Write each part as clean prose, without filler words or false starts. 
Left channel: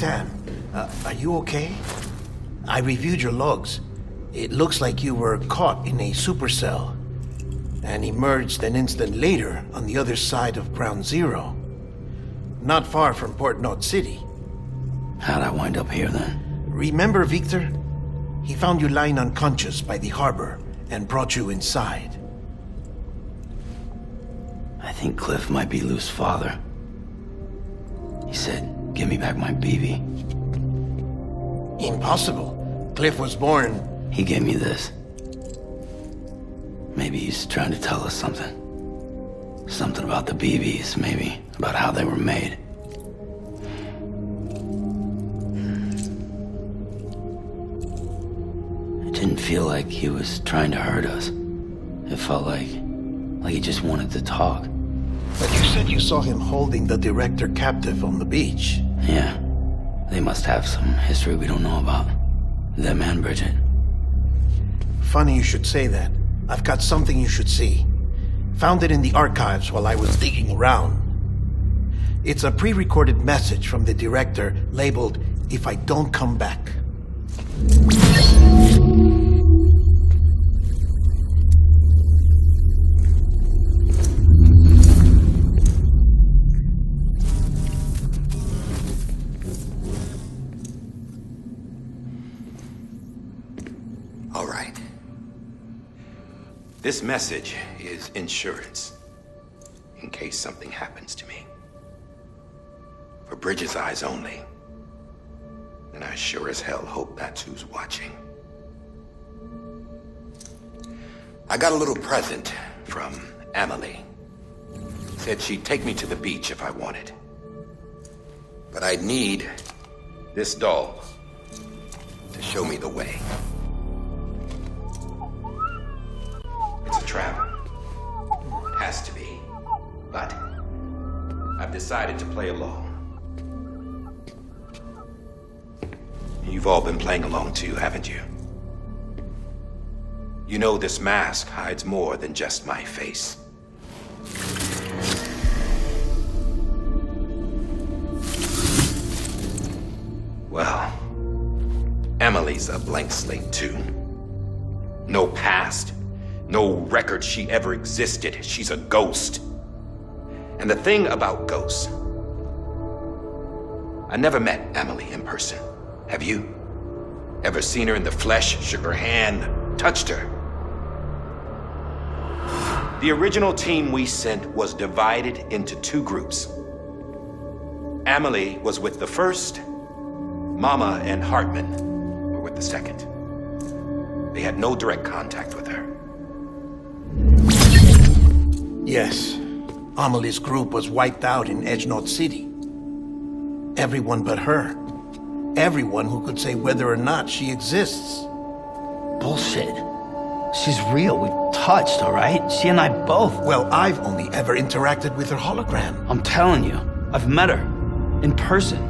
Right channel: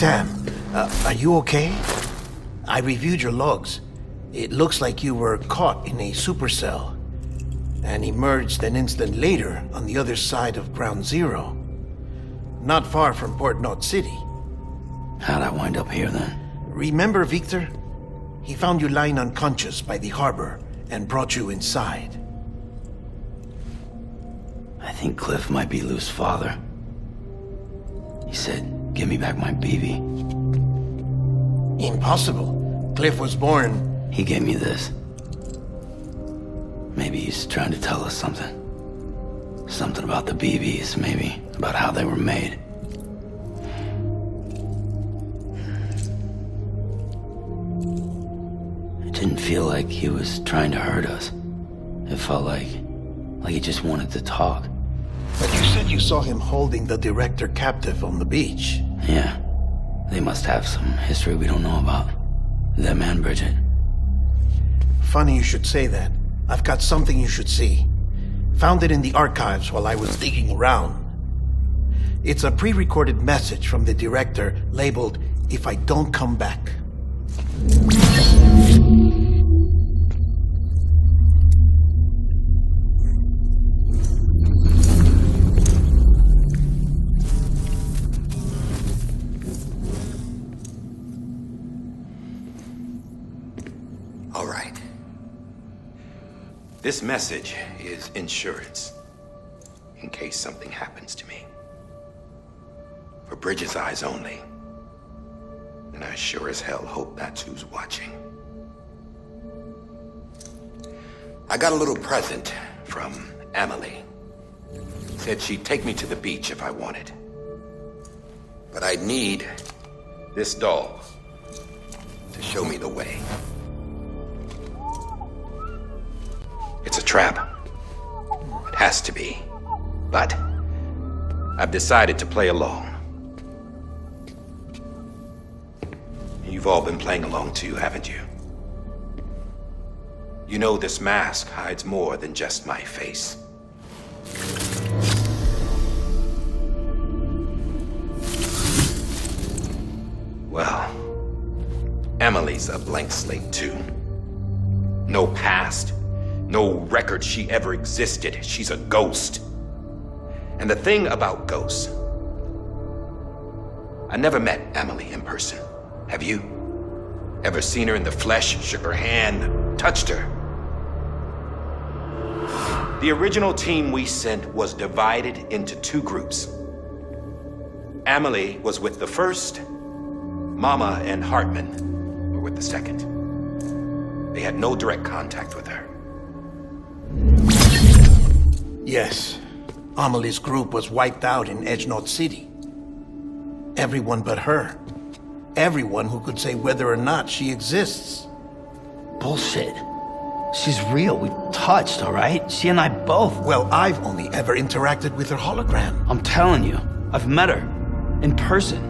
Sam, are you okay? I reviewed your logs. It looks like you were caught in a supercell and emerged an instant later on the other side of Ground Zero. Not far from Port Knot City. How'd I wind up here then? Remember Victor? He found you lying unconscious by the harbor and brought you inside. I think Cliff might be Lou's father. He said, give me back my BB. Impossible. Cliff was born... He gave me this. Maybe he's trying to tell us something. Something about the BBs, maybe. About how they were made. It didn't feel like he was trying to hurt us. It felt like he just wanted to talk. But you said you saw him holding the director captive on the beach. Yeah. They must have some history we don't know about. Them and Bridget. Funny you should say that. I've got something you should see. Found it in the archives while I was digging around. It's a pre-recorded message from the director labeled, "If I don't come back." All right. This message is insurance, in case something happens to me. For Bridget's eyes only. And I sure as hell hope that's who's watching. I got a little present from Emily. Said she'd take me to the beach if I wanted. But I'd need this doll to show me the way. It's a trap. It has to be. But I've decided to play along. You've all been playing along too, haven't you? You know this mask hides more than just my face. Well, Emily's a blank slate too. No past. No record she ever existed. She's a ghost. And the thing about ghosts, I never met Emily in person. Have you? Ever seen her in the flesh, shook her hand, touched her? The original team we sent was divided into two groups. Emily was with the first. Mama and HARDMAN were with the second. They had no direct contact with her. Yes. Amelie's group was wiped out in Edge Knot City. Everyone but her. Everyone who could say whether or not she exists. Bullshit. She's real. We've touched, all right? She and I both. Well, I've only ever interacted with her hologram. I'm telling you, I've met her. In person.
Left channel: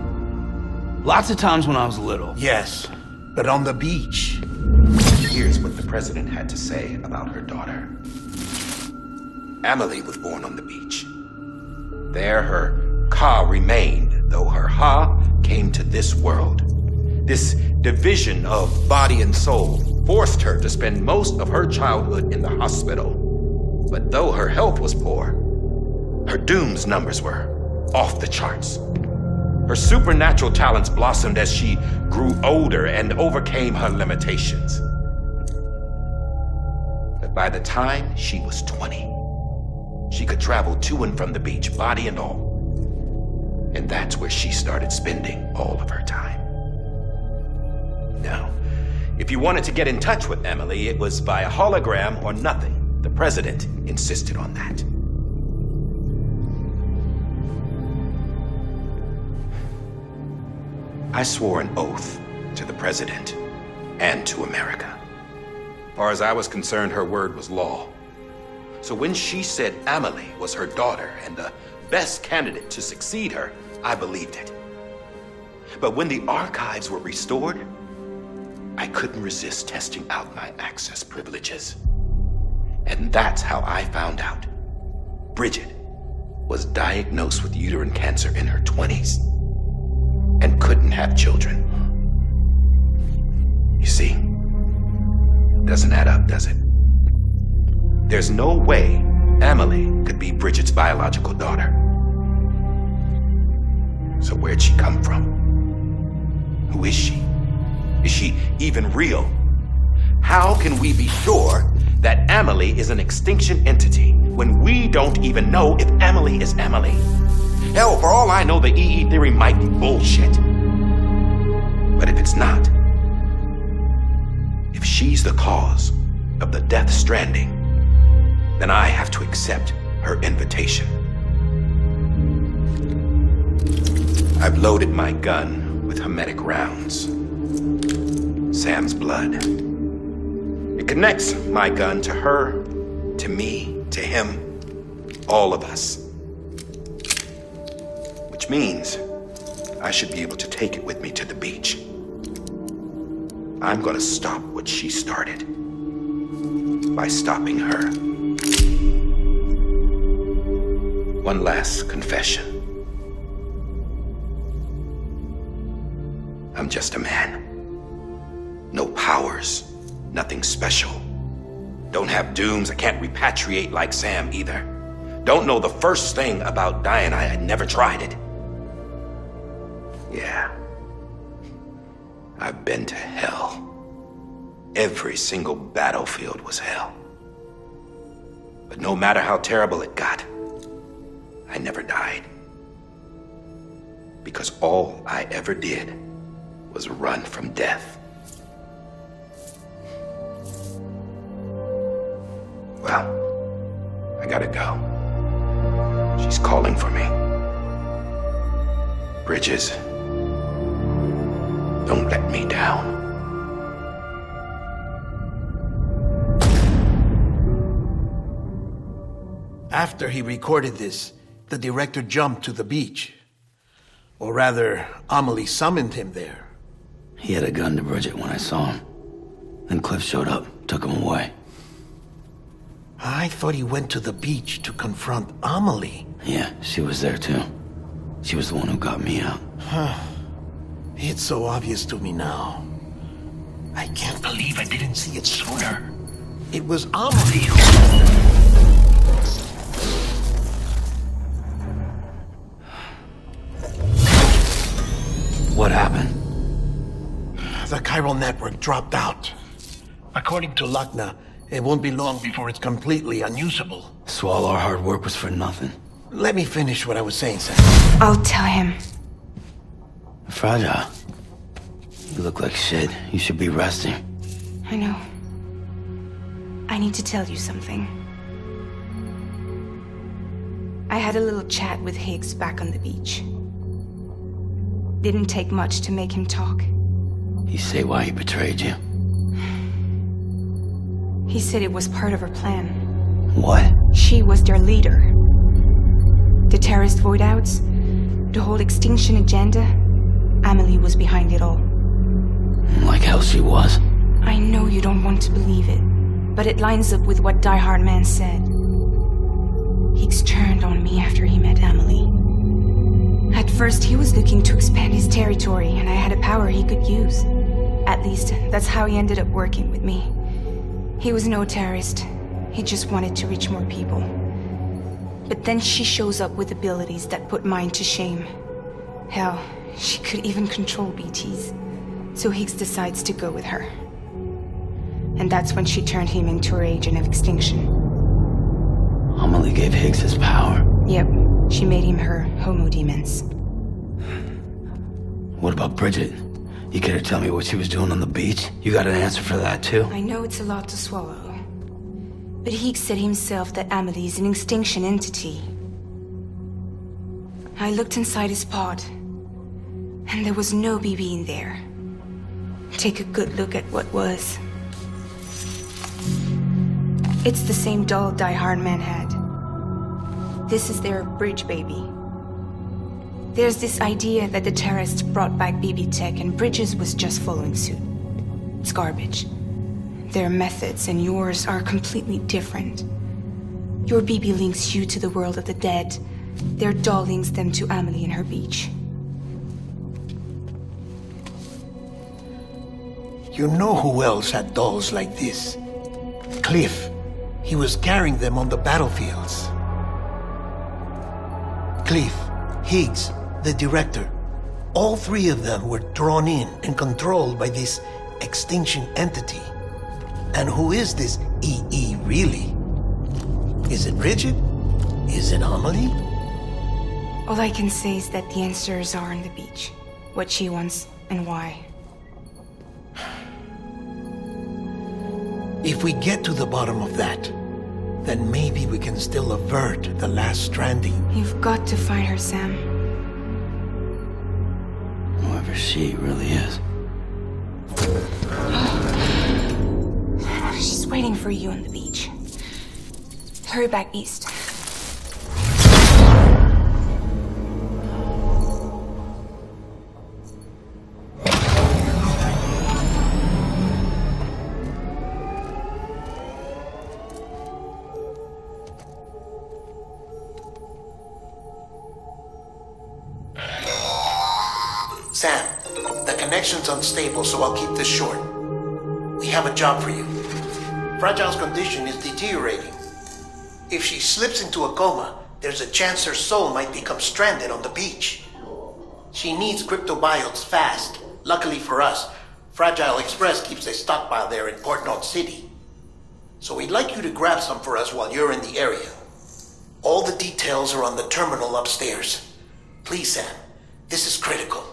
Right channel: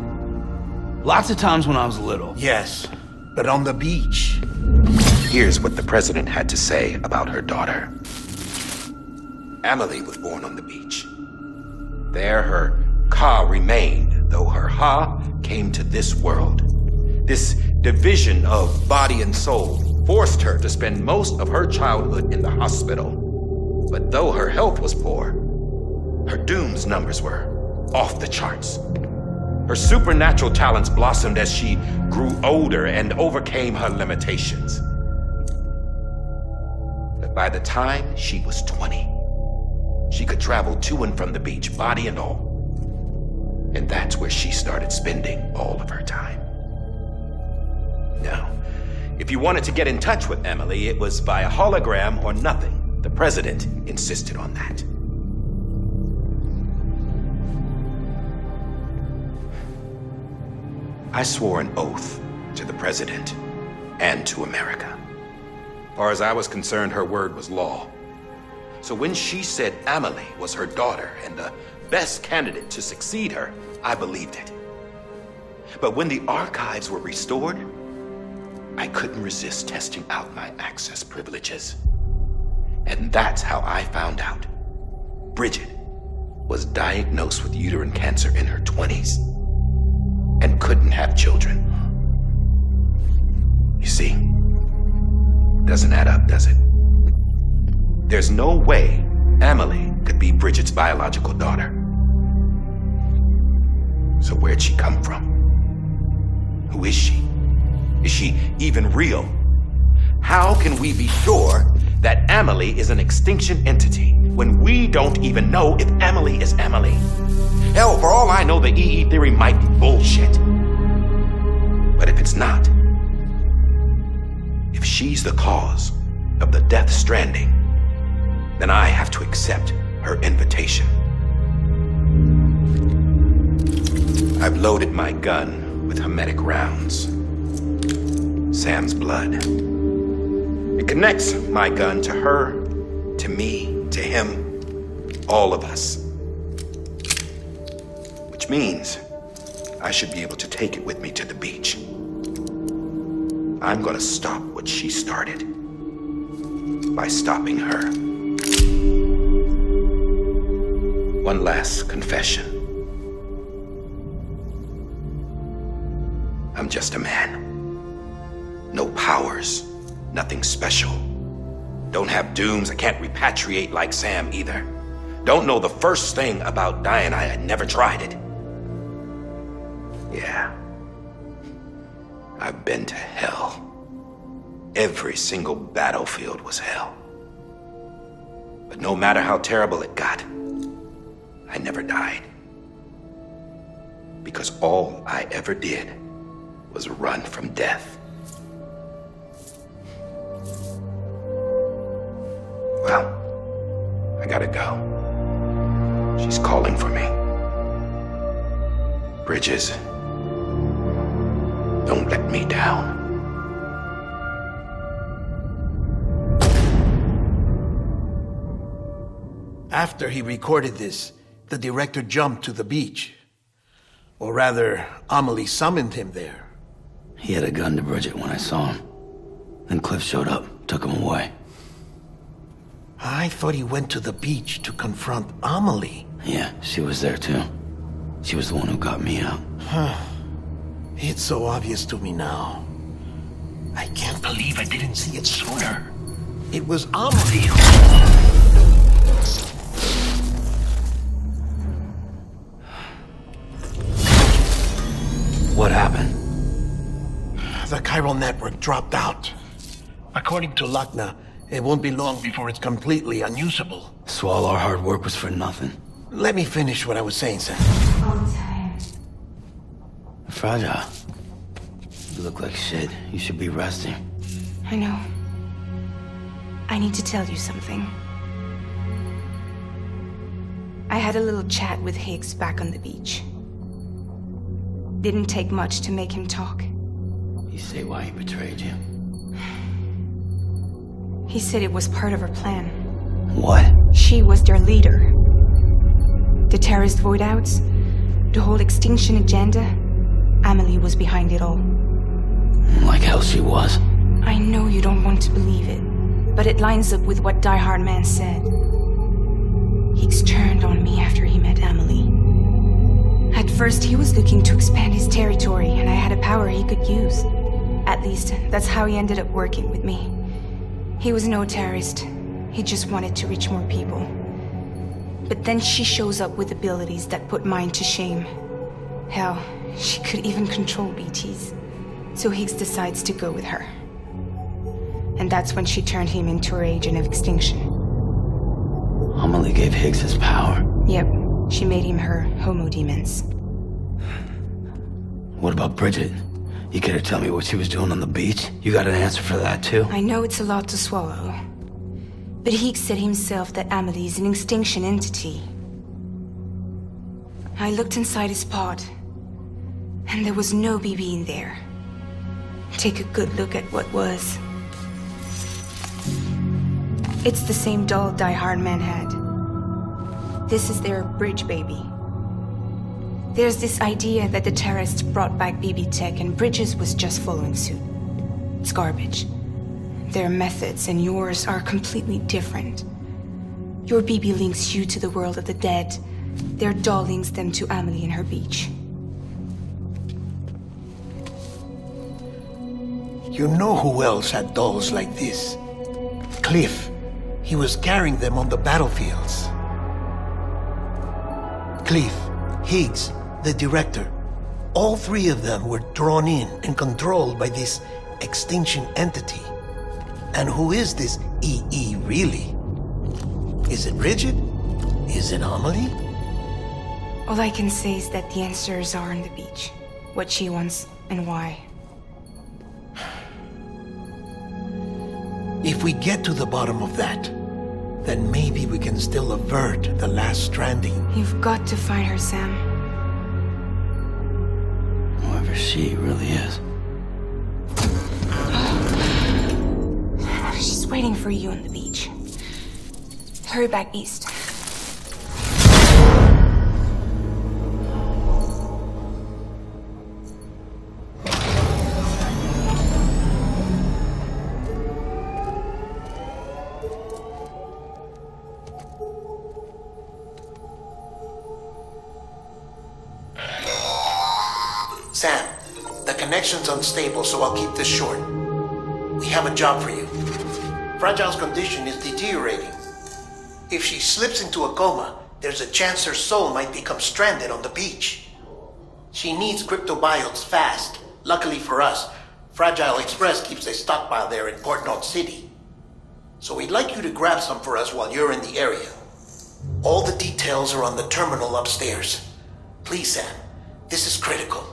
Lots of times when I was little. Yes, but on the beach. Here's what the president had to say about her daughter. Emily was born on the beach. There her Ka remained, though her Ha came to this world. This division of body and soul forced her to spend most of her childhood in the hospital. But though her health was poor, her Doom's numbers were off the charts. Her supernatural talents blossomed as she grew older and overcame her limitations. But by the time she was 20, she could travel to and from the beach, body and all. And that's where she started spending all of her time. Now, if you wanted to get in touch with Emily, it was via hologram or nothing. The president insisted on that. I swore an oath to the president and to America. As far as I was concerned, her word was law. So when she said Emily was her daughter and the best candidate to succeed her, I believed it. But when the archives were restored, I couldn't resist testing out my access privileges. And that's how I found out Bridget was diagnosed with uterine cancer in her 20s. and couldn't have children. You see, doesn't add up, does it? There's no way Amelie could be Bridget's biological daughter. So where'd she come from? Who is she? Is she even real? How can we be sure that Amelie is an extinction entity when we don't even know if Amelie is Amelie? Hell, for all I know, the EE theory might be bullshit. But if it's not, if she's the cause of the Death Stranding, then I have to accept her invitation. I've loaded my gun with hermetic rounds. Sam's blood. It connects my gun to her, to me, to him, all of us. Which means I should be able to take it with me to the beach. I'm gonna stop what she started by stopping her. One last confession. I'm just a man. No powers, nothing special. Don't have dooms, I can't repatriate like Sam either. Don't know the first thing about dying, I had never tried it. Yeah. I've been to hell. Every single battlefield was hell. But no matter how terrible it got, I never died. Because all I ever did was run from death. Well, I gotta go. She's calling for me. Bridges, don't let me down. After he recorded this, the director jumped to the beach. Or rather, Amelie summoned him there. He had a gun to Bridget when I saw him. Then Cliff showed up, took him away. I thought he went to the beach to confront Amelie. Yeah, she was there too. She was the one who got me out. It's so obvious to me now. I can't believe I didn't see it sooner. It was Amelie who... What happened? The chiral network dropped out. According to Luckna, it won't be long before it's completely unusable. So all our hard work was for nothing. Let me finish what I was saying, Sam. I'll tell him. Fragile. You look like shit. You should be resting. I know. I need to tell you something. I had a little chat with Higgs back on the beach. Didn't take much to make him talk. You say why he betrayed you? He said it was part of her plan. What? She was their leader. The terrorist voidouts, the whole extinction agenda, Amelie was behind it all. Like hell she was. I know you don't want to believe it, but it lines up with what HARDMAN said. Higgs turned on me after he met Amelie. At first, he was looking to expand his territory, and I had a power he could use. At least, that's how he ended up working with me. He was no terrorist. He just wanted to reach more people. But then she shows up with abilities that put mine to shame. Hell, she could even control BTs. So Higgs decides to go with her. And that's when she turned him into her agent of extinction. Amelie gave Higgs his power. Yep, she made him her homo demons. What about Bridget? You care to tell me what she was doing on the beach? You got an answer for that too? I know it's a lot to swallow. But Higgs said himself that Amelie is an extinction entity. I looked inside his pod, and there was no BB in there. Take a good look at what was. It's the same doll HARDMAN had. This is their bridge baby. There's this idea that the terrorists brought back BB tech and Bridges was just following suit. It's garbage. Their methods and yours are completely different. Your BB links you to the world of the dead. Their doll links them to Amelie and her beach. You know who else had dolls like this? Cliff. He was carrying them on the battlefields. Cliff, Higgs, the director. All three of them were drawn in and controlled by this extinction entity. And who is this EE really? Is it Rigid? Is it Amelie? All I can say is that the answers are on the beach. What she wants and why. If we get to the bottom of that, then maybe we can still avert the last stranding. You've got to find her, Sam. Whoever she really is. She's waiting for you on the beach. Hurry back east. Sam, the connection's unstable, so I'll keep this short. We have a job for you. Fragile's condition is deteriorating. If she slips into a coma, there's a chance her soul might become stranded on the beach. She needs cryptobiotes fast. Luckily for us, Fragile Express keeps a stockpile there in Port North City. So we'd like you to grab some for us while you're in the area. All the details are on the terminal upstairs. Please, Sam, this is critical.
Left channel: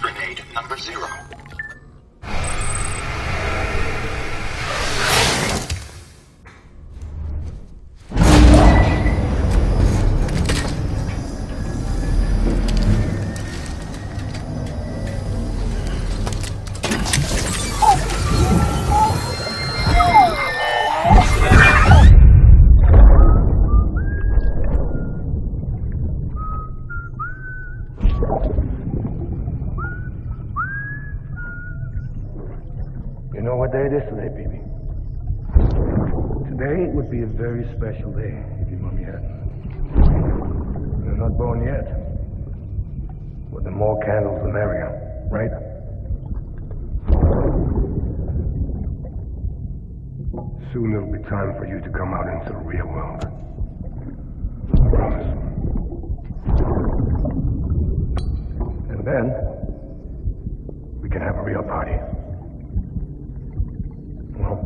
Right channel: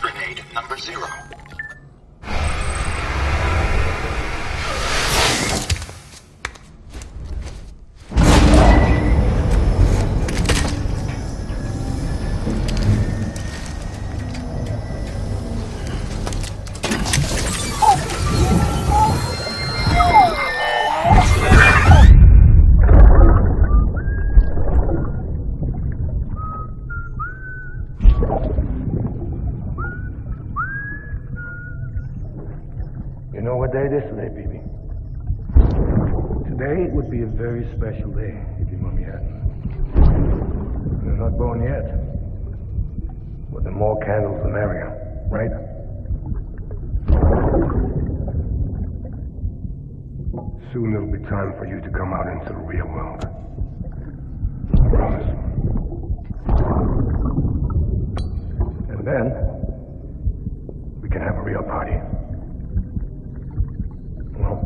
Grenade number 0. You know what day it is today, baby? Today would be a very special day if your mommy hadn't. You're not born yet. But the more candles, the merrier, right? Soon it'll be time for you to come out into the real world. I promise. And then, we can have a real party. Well,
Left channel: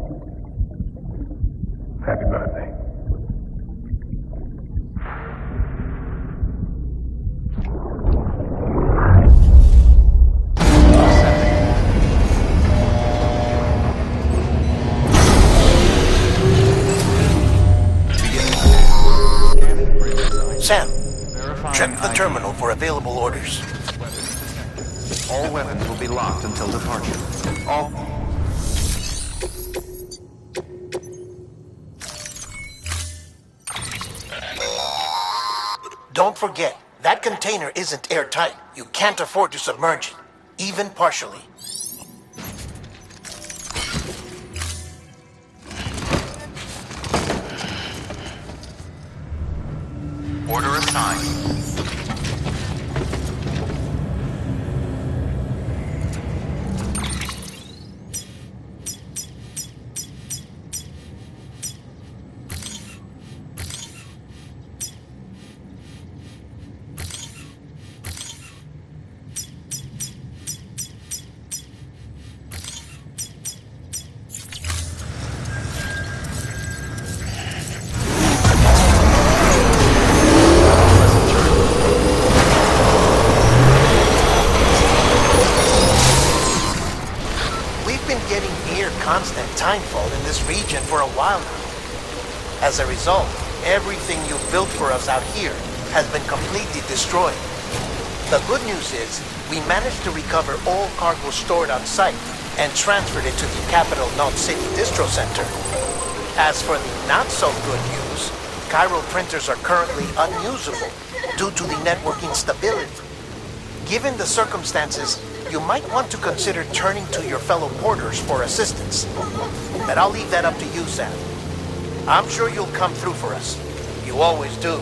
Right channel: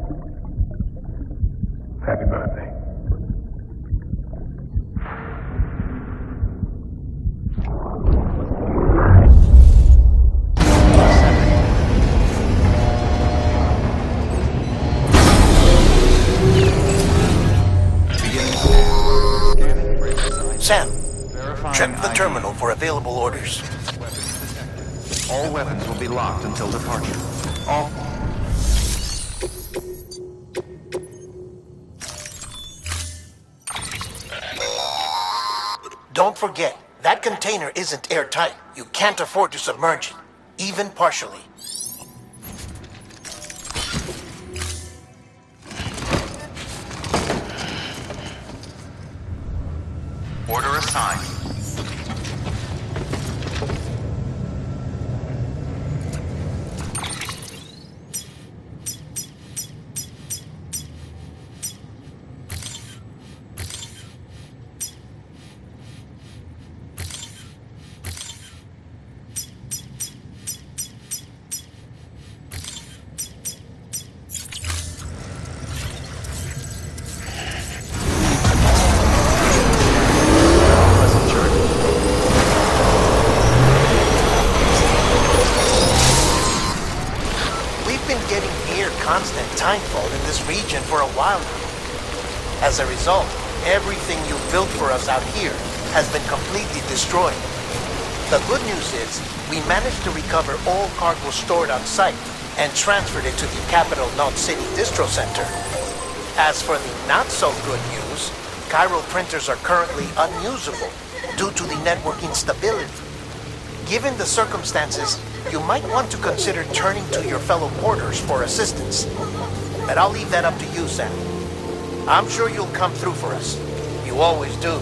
happy birthday. Sam, check the terminal for available orders. All weapons will be locked until departure. All... Don't forget, that container isn't airtight. You can't afford to submerge it, even partially. Order assigned. mindfall in this region for a while now. As a result, everything you've built for us out here has been completely destroyed. The good news is, we managed to recover all cargo stored on site and transferred it to the Capital Knot City Distro Center. As for the not-so-good news, chiral printers are currently unusable due to the network instability. Given the circumstances, you might want to consider turning to your fellow porters for assistance. But I'll leave that up to you, Sam. I'm sure you'll come through for us. You always do.